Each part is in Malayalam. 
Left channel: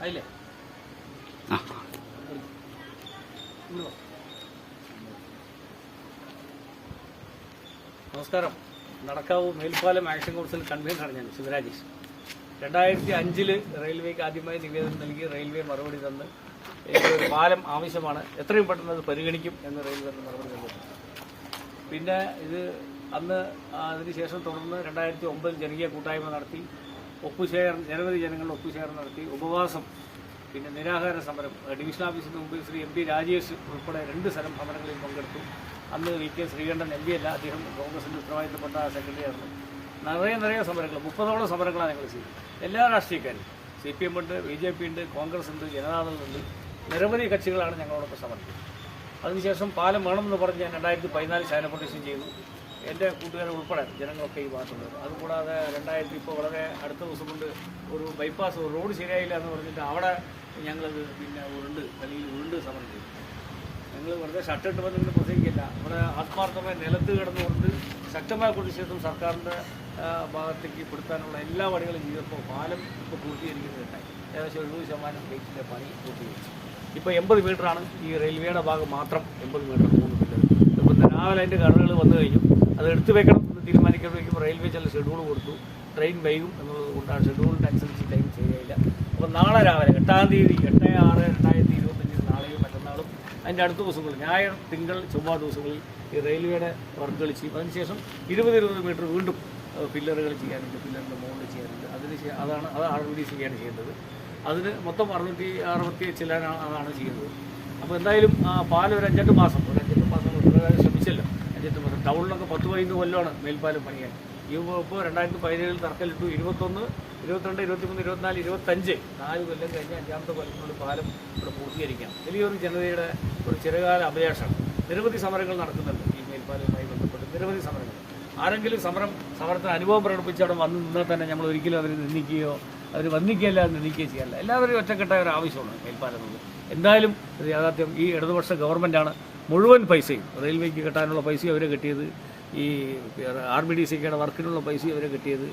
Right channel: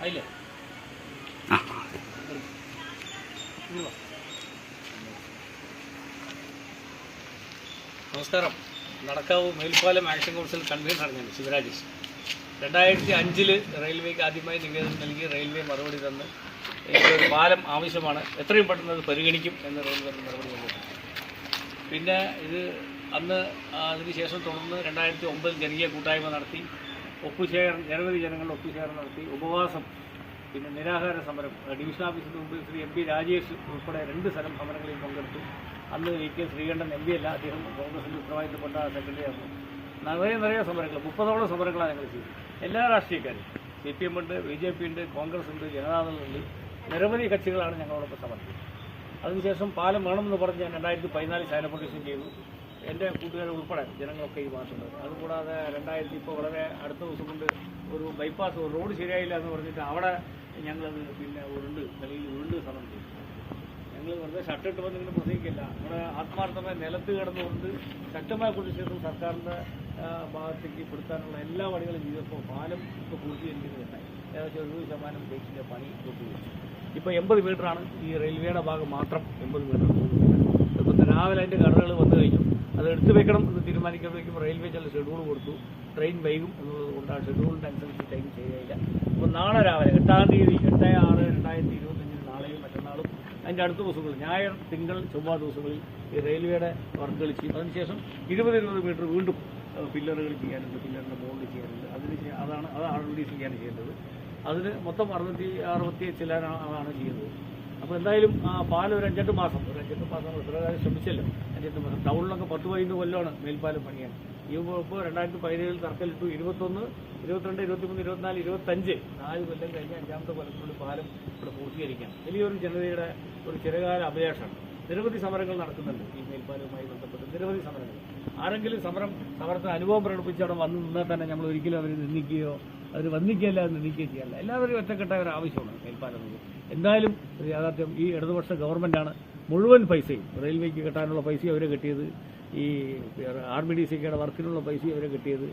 അതില്ലേ നമസ്കാരം. നടക്കാവ് മേൽപ്പാലം ആക്ഷൻ കൗൺസിൽ കൺവീനറാണ് ഞാൻ, ശിവരാജേഷ്. 2005 റെയിൽവേക്ക് ആദ്യമായി നിവേദനം നൽകി റെയിൽവേ മറുപടി തന്ന് ഒരു പാലം ആവശ്യമാണ്, എത്രയും പെട്ടെന്ന് അത് പരിഗണിക്കും എന്ന് റെയിൽവേ മറുപടി തന്നിട്ടുണ്ട്. പിന്നെ ഇത് അന്ന് അതിനുശേഷം തുടർന്ന് 2009 ജനകീയ കൂട്ടായ്മ നടത്തി, നിരവധി ജനങ്ങളുടെ ഒപ്പുശേഖരണം നടത്തി, ഉപവാസം, പിന്നെ നിരാഹാര സമരം, ഡിവിഷൻ ഓഫീസിന് മുമ്പിൽ ശ്രീ MP രാജേഷ് ഉൾപ്പെടെ 2 സ്ഥലം സമരങ്ങളിൽ പങ്കെടുത്തു. അന്ന് VK ശ്രീകണ്ഠൻ MP അല്ല, അദ്ദേഹം കോൺഗ്രസിൻ്റെ ഉത്തരവാദിത്തപ്പെട്ട സെക്രട്ടറി ആയിരുന്നു. നിറയെ സമരങ്ങൾ, 30ഓളം സമരങ്ങളാണ് ഞങ്ങൾ ചെയ്തത്. എല്ലാ രാഷ്ട്രീയക്കാരും, CPM ഉണ്ട്, BJP ഉണ്ട്, കോൺഗ്രസ് ഉണ്ട്, ജനതാദളുണ്ട്, നിരവധി കക്ഷികളാണ് ഞങ്ങളോടൊപ്പം സമർപ്പിച്ചത്. അതിനുശേഷം പാലം വേണമെന്ന് പറഞ്ഞ് ഞാൻ 2014 ശൈല പ്രൊട്ടക്ഷൻ ചെയ്തു. എൻ്റെ കൂട്ടുകാർ ഉൾപ്പെടെ ജനങ്ങളൊക്കെ ഈ ഭാഗത്തുണ്ട്. അതുകൂടാതെ 2000 ഇപ്പോൾ വളരെ അടുത്ത ദിവസം കൊണ്ട് ഒരു ബൈപ്പാസ് റോഡ് ശരിയായില്ല എന്ന് പറഞ്ഞിട്ട് അവിടെ ഞങ്ങളത് പിന്നെ ഉരുണ്ട് സമരം ചെയ്തു. ഞങ്ങൾ വെറുതെ ഷട്ടിട്ട് നിങ്ങൾ പ്രസംഗിക്കില്ല, നമ്മുടെ ആത്മാർത്ഥമായി നിലത്ത് കിടന്നുകൊണ്ട് ശക്തമായ പ്രതിഷേധം സർക്കാരിൻ്റെ ഭാഗത്തേക്ക് പെടുത്താനുള്ള എല്ലാ വഴികളും ചെയ്തപ്പോൾ പാലം ഇപ്പോൾ പൂർത്തീകരിക്കുന്നതുണ്ടായി. ഏകദേശം 70% ഗേറ്റിൻ്റെ പണി പൂർത്തീകരിച്ചു. ഇപ്പോൾ 80 മീറ്ററാണ് ഈ റെയിൽവേയുടെ ഭാഗം മാത്രം, 80 മീറ്റർ 3 മീറ്റർ. ഇപ്പോൾ രാവിലെ അതിൻ്റെ കടകൾ വന്നു കഴിഞ്ഞു. അത് എടുത്തു വെക്കണം എന്ന് തീരുമാനിക്കുമ്പോഴേക്കും റെയിൽവേ ചില ഷെഡ്യൂൾ കൊടുത്തു. ട്രെയിൻ വൈകും എന്നുള്ളത് കൊണ്ടാണ് ഷെഡ്യൂളിൻ്റെ അനുസരിച്ച് ടൈം ചെയ്യുകയില്ല. അപ്പോൾ നാളെ രാവിലെ 8-ാം തീയതി 8/6/2025 നാളെയും മറ്റന്നാളും അതിൻ്റെ അടുത്ത ദിവസങ്ങളിൽ ഞായർ, തിങ്കൾ, ചൊവ്വ ദിവസങ്ങളിൽ ഈ റെയിൽവേയുടെ വർക്കുകൾ ചെയ്യും. അതിനുശേഷം 20 മീറ്റർ വീണ്ടും പില്ലറുകൾ ചെയ്യാനുണ്ട്, പില്ലറിൻ്റെ മുകളിൽ ചെയ്യാനുണ്ട്. അതാണ് RDC ആണ് ചെയ്യേണ്ടത്. അതിന് മൊത്തം 660 ചില്ലാനാണ് അതാണ് ചെയ്യുന്നത്. അപ്പോൾ എന്തായാലും പാലം ഒരു 5-8 മാസം ശ്രമിച്ചല്ലോ. 5-8 മാസം ടൗണിലൊക്കെ 10-15 കൊല്ലമാണ് മേൽപ്പാലം പണിയാൻ. ഇപ്പോൾ 2017 തറക്കല്ലിട്ടു. 21, 22, 23, 24, 25 4 കൊല്ലം കഴിഞ്ഞ് 5ാമത്തെ കൊല്ലത്തിനുള്ളിൽ പാലം ഇവിടെ പൂർത്തീകരിക്കാം. വലിയൊരു ജനതയുടെ ഒരു ചിരകാല അഭിലാഷമാണ്. നിരവധി സമരങ്ങൾ നടക്കുന്നുണ്ട് ഈ മേൽപ്പാലവുമായി ബന്ധപ്പെട്ട്, നിരവധി സമരങ്ങൾ. ആരെങ്കിലും സമരത്തിന് അനുഭവം പ്രകടിപ്പിച്ച് അവിടെ വന്ന് നിന്നാൽ തന്നെ നമ്മൾ ഒരിക്കലും അതിനെ നിന്ദിക്കുകയോ അവർ വന്നിക്കുകയല്ല നിന്ദിക്കുകയോ ചെയ്യാറില്ല. എല്ലാവരും ഒറ്റക്കെട്ടായ ഒരു ആവശ്യമാണ് മേൽപ്പാലം എന്നത്. എന്തായാലും ഒരു യാഥാർത്ഥ്യം, ഈ ഇടതുപക്ഷ ഗവൺമെൻറ്റാണ് മുഴുവൻ പൈസയും റെയിൽവേക്ക് കിട്ടാനുള്ള പൈസയും അവരെ കിട്ടിയത്, ഈ RBDCയുടെ വർക്കിനുള്ള പൈസയും അവരെ കിട്ടിയത്.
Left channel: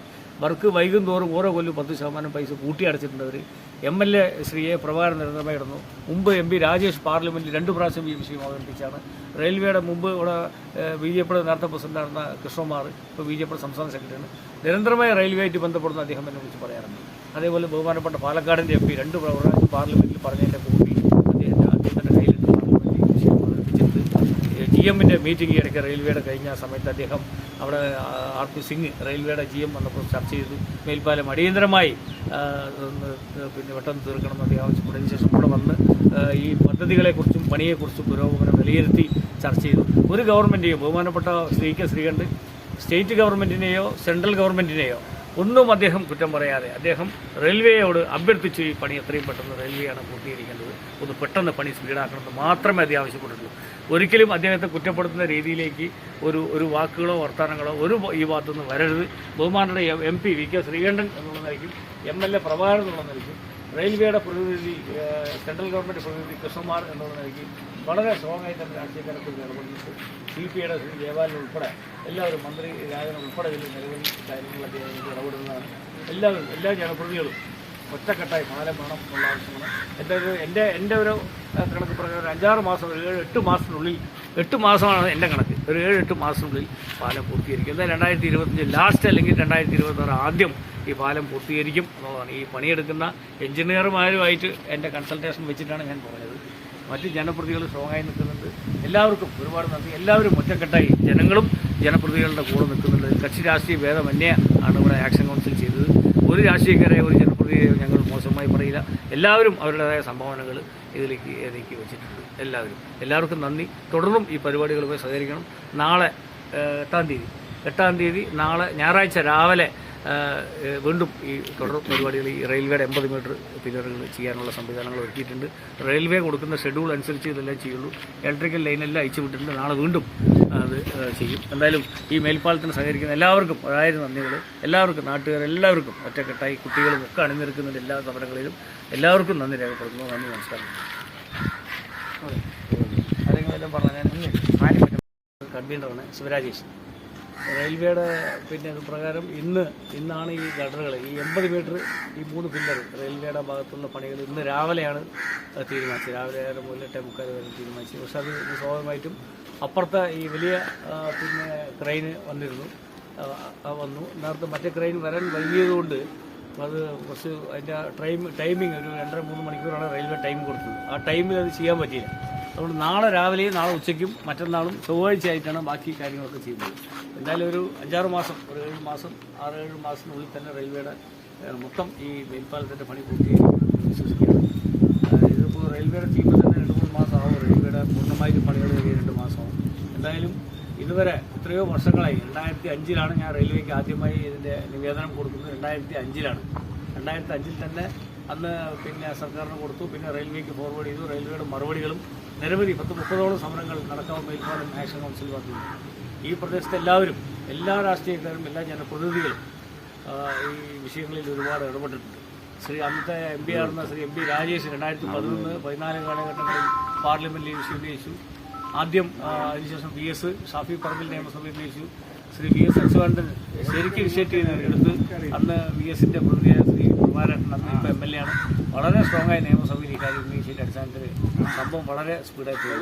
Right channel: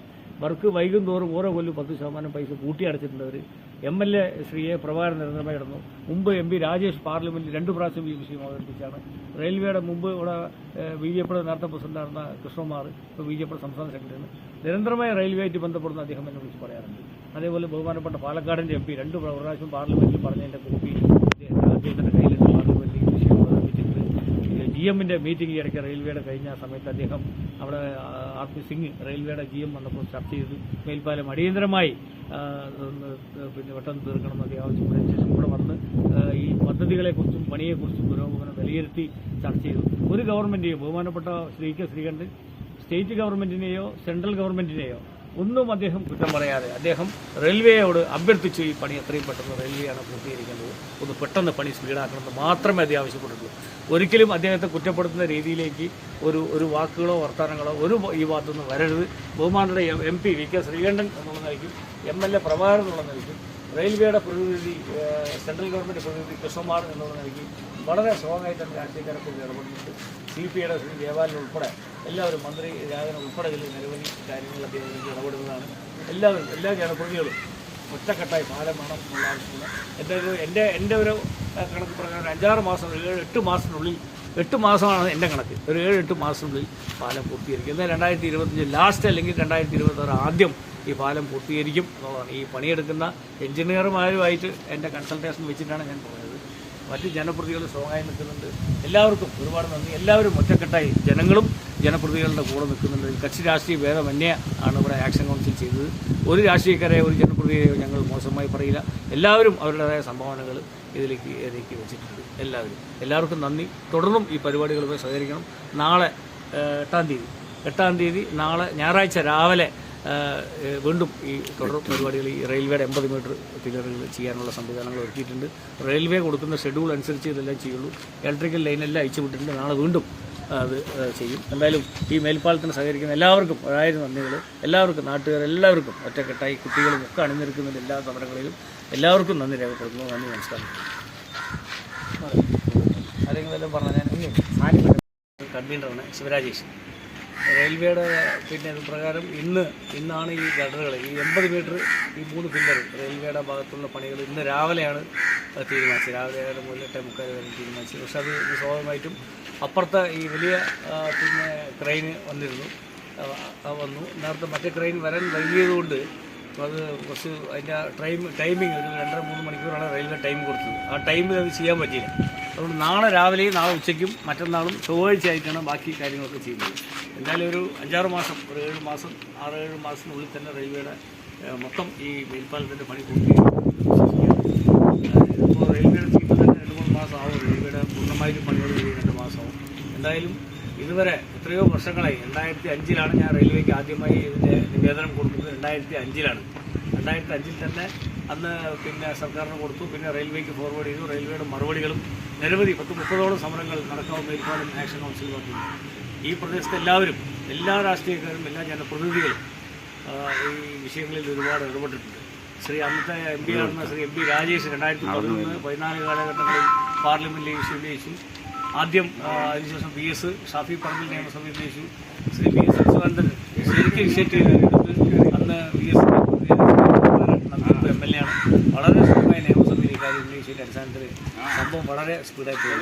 വർക്ക് വൈകും തോറും ഓരോ കൊല്ലം 10% പൈസ കൂട്ടിയടച്ചിട്ടുണ്ട് അവർ. MLA Shri A. പ്രഭാകരൻ നിരന്തരമായി ഇടുന്നു. മുമ്പ് MP രാജേഷ് പാർലമെൻറ്റിൽ 2 പ്രാവശ്യം ഈ വിഷയം അവതരിപ്പിച്ചാണ്. റെയിൽവേയുടെ മുമ്പ് ഇവിടെ BJP നേരത്തെ പ്രസിഡന്റായിരുന്ന കൃഷ്ണകുമാർ ഇപ്പോൾ BJP സംസ്ഥാന സെക്രട്ടറിയാണ്. നിരന്തരമായി റെയിൽവേയായിട്ട് ബന്ധപ്പെടുന്ന അദ്ദേഹം എന്നെ വിളിച്ച് പറയാറുണ്ട്. അതേപോലെ ബഹുമാനപ്പെട്ട പാലക്കാടിൻ്റെ MP 2 പ്രാവശ്യം പാർലമെൻറ്റിൽ പറഞ്ഞതിൻ്റെ കോപ്പി അദ്ദേഹത്തിൻ്റെ കയ്യിലുണ്ട്. പാർലമെൻറ്റിൽ വിഷയം അവതരിപ്പിച്ചിട്ട് GMൻ്റെ മീറ്റിംഗ് ഇടയ്ക്ക് റെയിൽവേയുടെ കഴിഞ്ഞ സമയത്ത് അദ്ദേഹം അവിടെ RP സിംഗ് റെയിൽവേയുടെ GM വന്നപ്പോൾ ചർച്ച ചെയ്തു. മേൽപ്പാലം അടിയന്തരമായി പിന്നെ പെട്ടെന്ന് തീർക്കണമെന്ന് അദ്ദേഹം ആവശ്യപ്പെട്ടതിന് ശേഷം ഇവിടെ വന്ന് ഈ പദ്ധതികളെക്കുറിച്ചും പണിയെക്കുറിച്ചും പുരോഗമനം വിലയിരുത്തി ചർച്ച ചെയ്തു. ഒരു ഗവൺമെൻറ്റിനെയോ ബഹുമാനപ്പെട്ട VK ശ്രീകണ്ഠൻ സ്റ്റേറ്റ് ഗവൺമെൻറ്റിനെയോ സെൻട്രൽ ഗവൺമെൻറ്റിനെയോ ഒന്നും അദ്ദേഹം കുറ്റം പറയാതെ അദ്ദേഹം റെയിൽവേയോട് അഭ്യർത്ഥിച്ചു ഈ പണി എത്രയും പെട്ടെന്ന് റെയിൽവേയാണ് പൂർത്തീകരിക്കേണ്ടത്, ഒന്ന് പെട്ടെന്ന് പണി സ്പീഡാക്കണമെന്ന് മാത്രമേ അദ്ദേഹം ആവശ്യപ്പെട്ടിട്ടുള്ളൂ. ഒരിക്കലും അദ്ദേഹത്തെ കുറ്റപ്പെടുത്തുന്ന രീതിയിലേക്ക് ഒരു വാക്കുകളോ വർത്തമാനങ്ങളോ ഈ ഭാഗത്തുനിന്ന് വരരുത്. ബഹുമാനയുടെ MP VK ശ്രീകണ്ഠൻ എന്നുള്ളതായിരിക്കും, MLA പ്രഭാകരൻ എന്നുള്ളതായിരിക്കും, റെയിൽവേയുടെ പ്രതിനിധി സെൻട്രൽ ഗവൺമെൻറ് പ്രതിനിധി കൃഷ്ണകുമാർ എന്നുള്ള വളരെ സ്ട്രോങ് ആയിട്ട് തന്നെ രാഷ്ട്രീയക്കാരൊക്കെ ഇടപെടുന്നുണ്ട്. CPയുടെ ശ്രീ ജയപാലൻ ഉൾപ്പെടെ എല്ലാവരും, മന്ത്രി രാജൻ ഉൾപ്പെടെ ഇതിൽ നിരവധി കാര്യങ്ങളൊക്കെ ഇടപെടുന്നതാണ്. എല്ലാവരും, എല്ലാ ജനപ്രതിനിധികളും ഒറ്റക്കെട്ടായി പാലം വേണം എന്നുള്ള ആവശ്യമാണ്. എൻ്റെ ഒരു കണക്ക് പറഞ്ഞാൽ ഒരു 5-6 മാസം, 7-8 മാസത്തിനുള്ളിൽ, 8 മാസമാണ് എൻ്റെ കണക്ക്, ഒരു 7-8 മാസത്തിനുള്ളിൽ പാലം പൂർത്തീകരിക്കും. എന്നാൽ 2025 ലാസ്റ്റ് അല്ലെങ്കിൽ 2026 ആദ്യം ഈ പാലം പൂർത്തീകരിക്കും എന്നുള്ളതാണ്. ഈ പണിയെടുക്കുന്ന എഞ്ചിനീയർമാരുമായിട്ട് എൻ്റെ കൺസൾട്ടേഷൻ വെച്ചിട്ടാണ് ഞാൻ പറയുന്നത്. മറ്റ് ജനപ്രതികൾ സ്ട്രോങ്ങായി നിൽക്കുന്നുണ്ട്. എല്ലാവർക്കും ഒരുപാട് നന്ദി. എല്ലാവരും ഒറ്റക്കെട്ടായി ജനങ്ങളും ജനപ്രതികളുടെ കൂടെ നിൽക്കുന്നുണ്ട്. കക്ഷി രാഷ്ട്രീയ ഭേദമന്യേ ആണ് ഇവിടെ ആക്ഷൻ കൗൺസിൽ ചെയ്തത്. ഒരു രാഷ്ട്രീയക്കാരെയോ ഒരു ജനപ്രതിയെയോ ഞങ്ങൾ മോശമായി പറയില്ല. എല്ലാവരും അവരുടേതായ സംഭാവനകൾ ഇതിലേക്ക് വെച്ചിട്ടുണ്ട്. എല്ലാവർക്കും നന്ദി. തുടർന്നും ഈ പരിപാടികളുമായി സഹകരിക്കണം. നാളെ 8-ാം തീയതി നാളെ ഞായറാഴ്ച രാവിലെ വീണ്ടും ഈ തുടർ പരിപാടികൾ, ഈ റെയിൽവേയുടെ 80 മീറ്റർ പില്ലറുകൾ ചെയ്യാനുള്ള സംവിധാനങ്ങൾ ഒരുക്കിയിട്ടുണ്ട്. റെയിൽവേ കൊടുക്കുന്ന ഷെഡ്യൂൾ അനുസരിച്ച് ഇതെല്ലാം ചെയ്യുള്ളൂ. ഇലക്ട്രിക്കൽ ലൈനെല്ലാം അയച്ചു വിട്ടിട്ടുണ്ട്. നാളെ വീണ്ടും അത് ചെയ്യും. എന്തായാലും ഈ മേൽപ്പാലത്തിന് സഹകരിക്കുന്ന എല്ലാവർക്കും 1000 നന്ദികൾ. എല്ലാവർക്കും, നാട്ടുകാരെല്ലാവർക്കും ഒറ്റക്കെട്ടായി കുട്ടികളും ഒക്കെ അണിനിരക്കുന്നുണ്ട് എല്ലാ സമരങ്ങളിലും. എല്ലാവർക്കും നന്ദി രേഖപ്പെടുത്തുന്നു. നന്ദി, നമസ്കാരം. അതെല്ലാം പറഞ്ഞാൽ ഞാൻ കൺവീനറാണ്, ശിവരാജേഷ്. റെയിൽവേയുടെ ഇത് പ്രകാരം ഇന്നാണ് ഈ ഗഡറുകൾ ഈ 80 മീറ്റർ ഈ 3 പില്ലർ റെയിൽവേയുടെ ഭാഗത്തുള്ള പണികൾ ഇന്ന് രാവിലെയാണ് തീരുമാനിച്ചത്. രാവിലെ 8:45 വരെ തീരുമാനിച്ചത്. പക്ഷെ അത് സ്വാഭാവികമായിട്ടും അപ്പുറത്തെ ഈ വലിയ ക്രെയിന് വന്നു. നേരത്തെ മറ്റേ ക്രെയിൻ വരാൻ വൈകിയതുകൊണ്ട് അത് കുറച്ച് അതിൻ്റെ ടൈമിങ് ഒരു 2.5-3 മണിക്കൂറാണ് റെയിൽവേ ടൈം കൊടുത്തത്. ആ ടൈമിൽ അത് ചെയ്യാൻ പറ്റിയില്ല. അതുകൊണ്ട് നാളെ രാവിലെയും നാളെ ഉച്ചയ്ക്കും മറ്റന്നാളും ചൊവ്വാഴ്ച ആയിട്ടാണ് ബാക്കി കാര്യങ്ങളൊക്കെ ചെയ്യുന്നത്. എന്തായാലും ഒരു 5-6 മാസം, ഒരു 7 മാസം 6-7 മാസത്തിനുള്ളിൽ തന്നെ റെയിൽവേയുടെ മൊത്തം ഈ മേൽപ്പാലത്തിൻ്റെ പണി പൂർത്തിയാക്കും. ഇതിപ്പോൾ റെയിൽവേയുടെ ടീമിൽ തന്നെ 2-3 മാസം ആവും. റെയിൽവേയുടെ പൂർണ്ണമായിട്ട് പണികൾ 2 മാസമാവും. എന്തായാലും ഇതുവരെ എത്രയോ വർഷങ്ങളായി 2005 ഞാൻ റെയിൽവേക്ക് ആദ്യമായി ഇതിൻ്റെ നിവേദനം കൊടുക്കുന്നത് 2005 2005 തന്നെ അന്ന് സർക്കാരിന് കൊടുത്തു. പിന്നെ റെയിൽവേക്ക് ഫോർവേഡ് ചെയ്തു. റെയിൽവേയുടെ മറുപടികളും നിരവധി 10-30ഓളം സമരങ്ങൾ നടക്കാവ് മേൽപ്പാലം ആക്ഷൻ കൗൺസിൽ വന്നു. ഈ പ്രദേശത്തെ എല്ലാവരും, എല്ലാ രാഷ്ട്രീയക്കാരും, എല്ലാ ജനപ്രതിനിധികളും ഈ വിഷയങ്ങളിൽ ഒരുപാട് ഇടപെട്ടിട്ടുണ്ട്. അന്നത്തെ MP ആയിരുന്ന MP രാജേഷ് 2011-14 കാലഘട്ടങ്ങളിൽ പാർലമെന്റിൽ വിഷയം ഉന്നയിച്ചു. ആദ്യം അതിനുശേഷം VS ഷാഫി പറമ്പിൽ നിയമസഭയിൽ ഉന്നയിച്ചു. VS അച്യുതാനന്ദൻ ശരിക്കും ഇനിഷ്യേറ്റീവ് എടുത്ത് അന്ന് VSന്റെ ഇപ്പോൾ MLA ആണ്. വളരെ സ്ട്രോങ്ങായ നിയമസഭയിൽ ഈ കാര്യം ഉന്നയിച്ചതിൻ്റെ അടിസ്ഥാനത്തിൽ സംഭവം വളരെ സ്പീഡായി പോയി.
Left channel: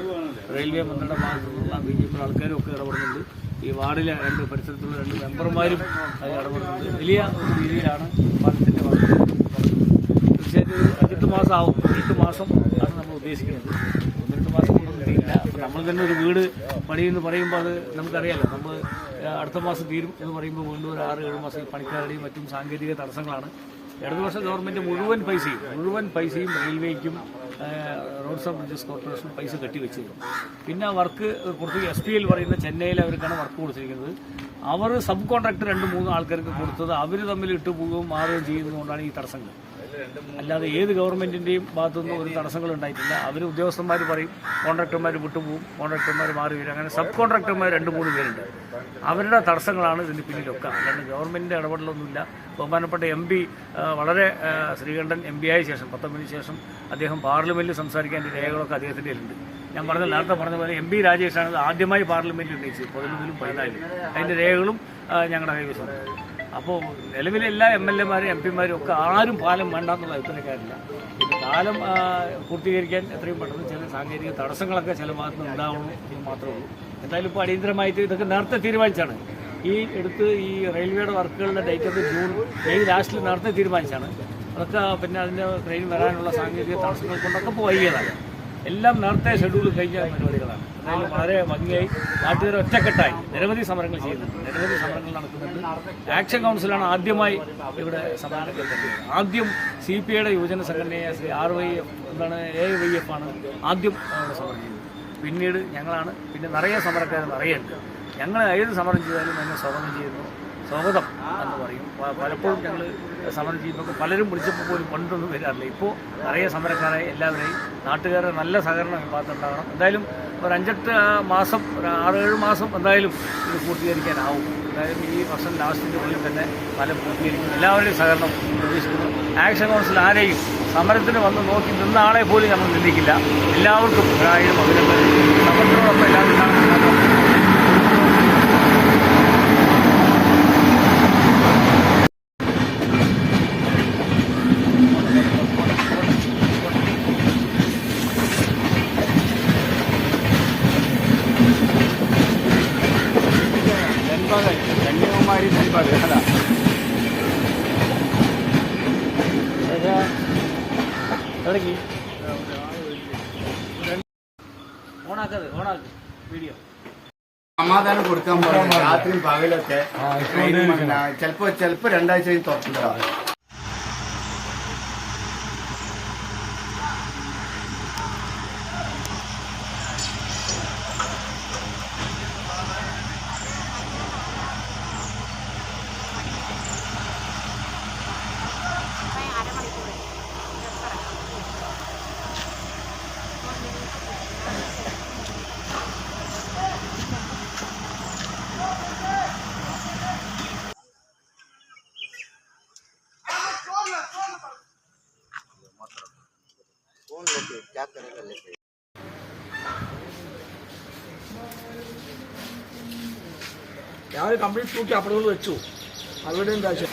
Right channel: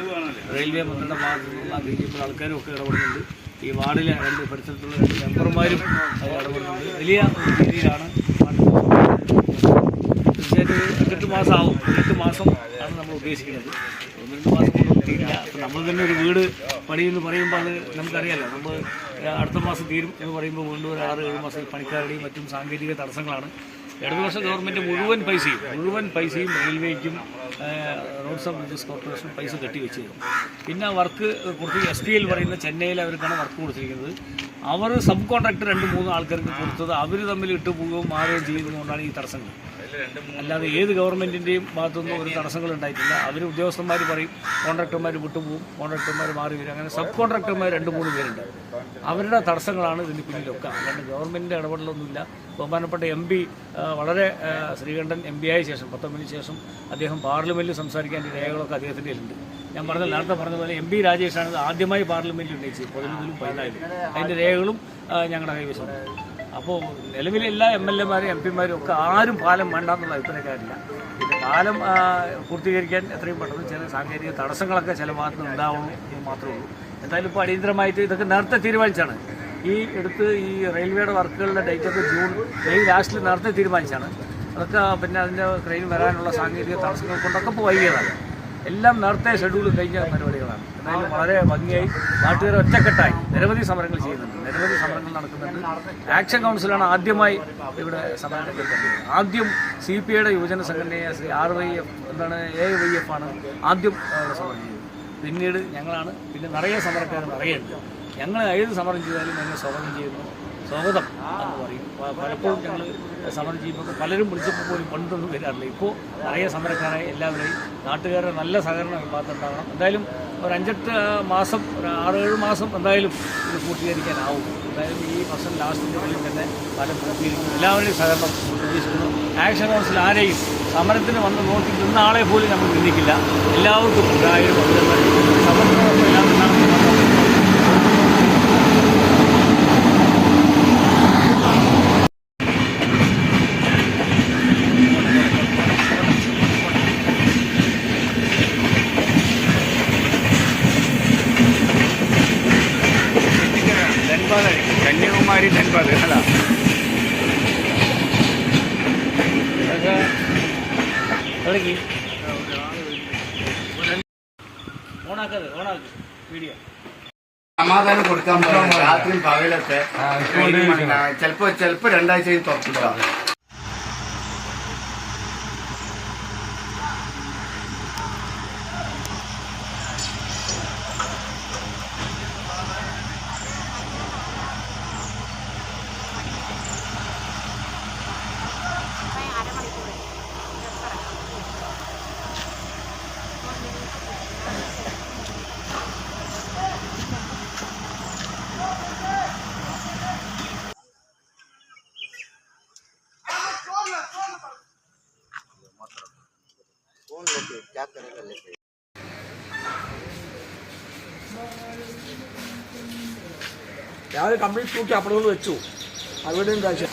റെയിൽവേ മന്ത്രിയുടെ ഭാഗത്തു നിന്നുള്ള BJP ആൾക്കാരും ഒക്കെ ഇടപെടുന്നുണ്ട്. ഈ വാർഡിലെ 2 പരിസരത്തുള്ള 2 മെമ്പർമാരും അതിൽ ഇടപെടുന്നുണ്ട്. വലിയ ഒരു രീതിയിലാണ് തീർച്ചയായിട്ടും ഒരു 8 മാസം ആവും. 8 മാസം ആണ് നമ്മൾ ഉദ്ദേശിക്കുന്നത്. 1-2 മാസം കൊണ്ടൊന്നും തീരില്ല. നമ്മൾ തന്നെ ഒരു വീട് പണി എന്ന് പറയുമ്പോൾ അത് നമുക്കറിയാമല്ലോ. നമ്മൾ അടുത്ത മാസം തീരും എന്ന് പറയുമ്പോൾ വീണ്ടും ഒരു 6-7 മാസം ഈ പണിക്കാരുടെയും മറ്റും സാങ്കേതിക തടസ്സങ്ങളാണ്. ഇടതുപക്ഷ ഗവൺമെൻറ് മുഴുവൻ പൈസയും റെയിൽവേക്കും റോഡ്സ് ആൻഡ് ബ്രിഡ്ജസ് കോർപ്പറേഷനും പൈസ കെട്ടിവെച്ചത്. പിന്നെ വർക്ക് കൊടുത്ത് SPL പറയുന്ന ചെന്നൈയിൽ അവർക്കാണ് വർക്ക് കൊടുത്തിരിക്കുന്നത്. അവർ സബ് കോൺട്രാക്ടർ 2-3 ആൾക്കാർക്ക് കൊടുത്തത് അവർ തമ്മിൽ ഇട്ടുപോവുകയും മാറുകയും ചെയ്യുന്നതുകൊണ്ടാണ് ഈ തടസ്സങ്ങൾ. അല്ലാതെ ഏത് ഗവൺമെൻറ്റിൻ്റെയും ഭാഗത്തുനിന്നും ഒരു തടസ്സങ്ങൾ ഉണ്ടായിട്ടില്ല. അവർ ഉദ്യോഗസ്ഥന്മാർ പറയും, കോൺട്രാക്ടർമാർ വിട്ടുപോകും, കോൺട്രാക്ടർമാർ മാറി വരും. അങ്ങനെ സബ് കോൺട്രാക്ടർമാർ 2-3 പേരുണ്ട്. അവരുടെ തടസ്സങ്ങളാണ് ഇതിന് പിന്നിലൊക്കെ. അല്ലാണ്ട് ഗവൺമെൻറ്റിൻ്റെ ഇടപെടലൊന്നുമില്ല. ബഹുമാനപ്പെട്ട MP വളരെ ശ്രീകണ്ഠൻ MP ആയ ശേഷം 19 ശേഷം അദ്ദേഹം പാർലമെൻറ്റിൽ സംസാരിക്കാൻ രേഖകളൊക്കെ അദ്ദേഹത്തിൻ്റെ കയ്യിലുണ്ട്. ഞാൻ നേരത്തെ പറഞ്ഞ പോലെ MP രാജേഷാണ് ആദ്യമായി പാർലമെൻറ്റിൽ ഉന്നയിച്ചത് 11-ലും 14-ലും. അതിൻ്റെ രേഖകളും ഞങ്ങളുടെ കൈവശമുണ്ട്. അപ്പോൾ നിലവിലെ എല്ലാ MLA മാരും MP മാരും ഒക്കെ ആരും പാലം വേണ്ടെന്നുള്ള അഭിപ്രായക്കാരില്ല. പിന്നെ പാലം പൂർത്തീകരിക്കാൻ എത്രയും പെട്ടെന്ന് ചില സാങ്കേതിക തടസ്സങ്ങളൊക്കെ ചില ഭാഗത്ത് നിന്ന് ഉണ്ടാവണം എന്ന് മാത്രമേ ഉള്ളൂ. എന്തായാലും ഇപ്പോൾ അടിയന്തരമായിട്ട് ഇതൊക്കെ നേരത്തെ തീരുമാനിച്ചാണ്. ഈ റെയിൽവേയുടെ വർക്കുകളുടെ ഡേറ്റൊക്കെ മെയ് ലാസ്റ്റിൽ നേരത്തെ തീരുമാനിച്ചാണ്. അതൊക്കെ പിന്നെ അതിൻ്റെ ട്രെയിൻ വരാനുള്ള സാങ്കേതിക തടസ്സങ്ങൾ കൊണ്ടൊക്കെ ഇപ്പോൾ വൈകിയതാണ്. എല്ലാം നേരത്തെ ഷെഡ്യൂൾ കഴിഞ്ഞ പരിപാടികളാണ്. എന്തായാലും വളരെ ഭംഗിയായി നാട്ടുകാർ ഒറ്റക്കെട്ടായി നിരവധി സമരങ്ങൾ ചെയ്യുന്നുണ്ട്, നിരവധി സമരങ്ങൾ നടക്കുന്നുണ്ട്. ആക്ഷൻ കൗൺസിലാണ് ആദ്യമായി ഇവിടെ സമരം രംഗത്തുള്ളത്. ആദ്യം CPIയുടെ യുവജന സംഘടനയായ AYF ആണ് ആദ്യം അവിടെ സമരം ചെയ്തത്. പിന്നീട് ഞങ്ങളാണ്. പിന്നെ നിറയെ സമരക്കാർ നിറയുണ്ട്. ഞങ്ങൾ ഏത് സമരം ചെയ്താലും അതിനെ സ്വാഗതം എന്ന് പറയും. പലപ്പോഴും ഞങ്ങൾ സമരം ചെയ്യുമ്പോൾ പലരും വിളിച്ചപ്പോൾ പോലും കൊണ്ടൊന്നും വരാറില്ല. ഇപ്പോൾ നിറയെ സമരക്കാരായി എല്ലാവരെയും നാട്ടുകാരുടെ നല്ല സഹകരണം ഈ ഭാഗത്തുണ്ടാകണം. എന്തായാലും ഒരു 5-8 മാസം, ഒരു 6-7 മാസം എന്തായാലും ഇത് പൂർത്തീകരിക്കാനാവും. എന്തായാലും ഈ വർഷം ലാസ്റ്റിൻ്റെ ഉള്ളിൽ തന്നെ പലം പൂർത്തീകരിക്കും. എല്ലാവരുടെയും സഹകരണം പ്രതീക്ഷിക്കുന്നു. ആക്ഷൻ കൗൺസിൽ ആരെയും സമരത്തിന് വന്ന് നോക്കി നിന്ന ആളെ പോലും നമ്മൾ നിന്ദിക്കില്ല. എല്ലാവർക്കും 1000 അഭിനന്ദനം. സമരത്തിനോടൊപ്പം എല്ലാവരും ഉണ്ടാകുന്ന കന്യാകുമാരി ധൻബാദ് അതാ വീഡിയോ സമാധാനം കൊടുക്കാൻ പറയാം. രാത്രി പകലൊക്കെ ചിലപ്പോ 2 ആഴ്ച തുറപ്പിട്ടാണ്. क्या करेगा लेके രാവിലെ കംപ്ലീറ്റ് തൂക്കി അപ്പുറത്ത് വെച്ചു. അവിടെയും കാശ്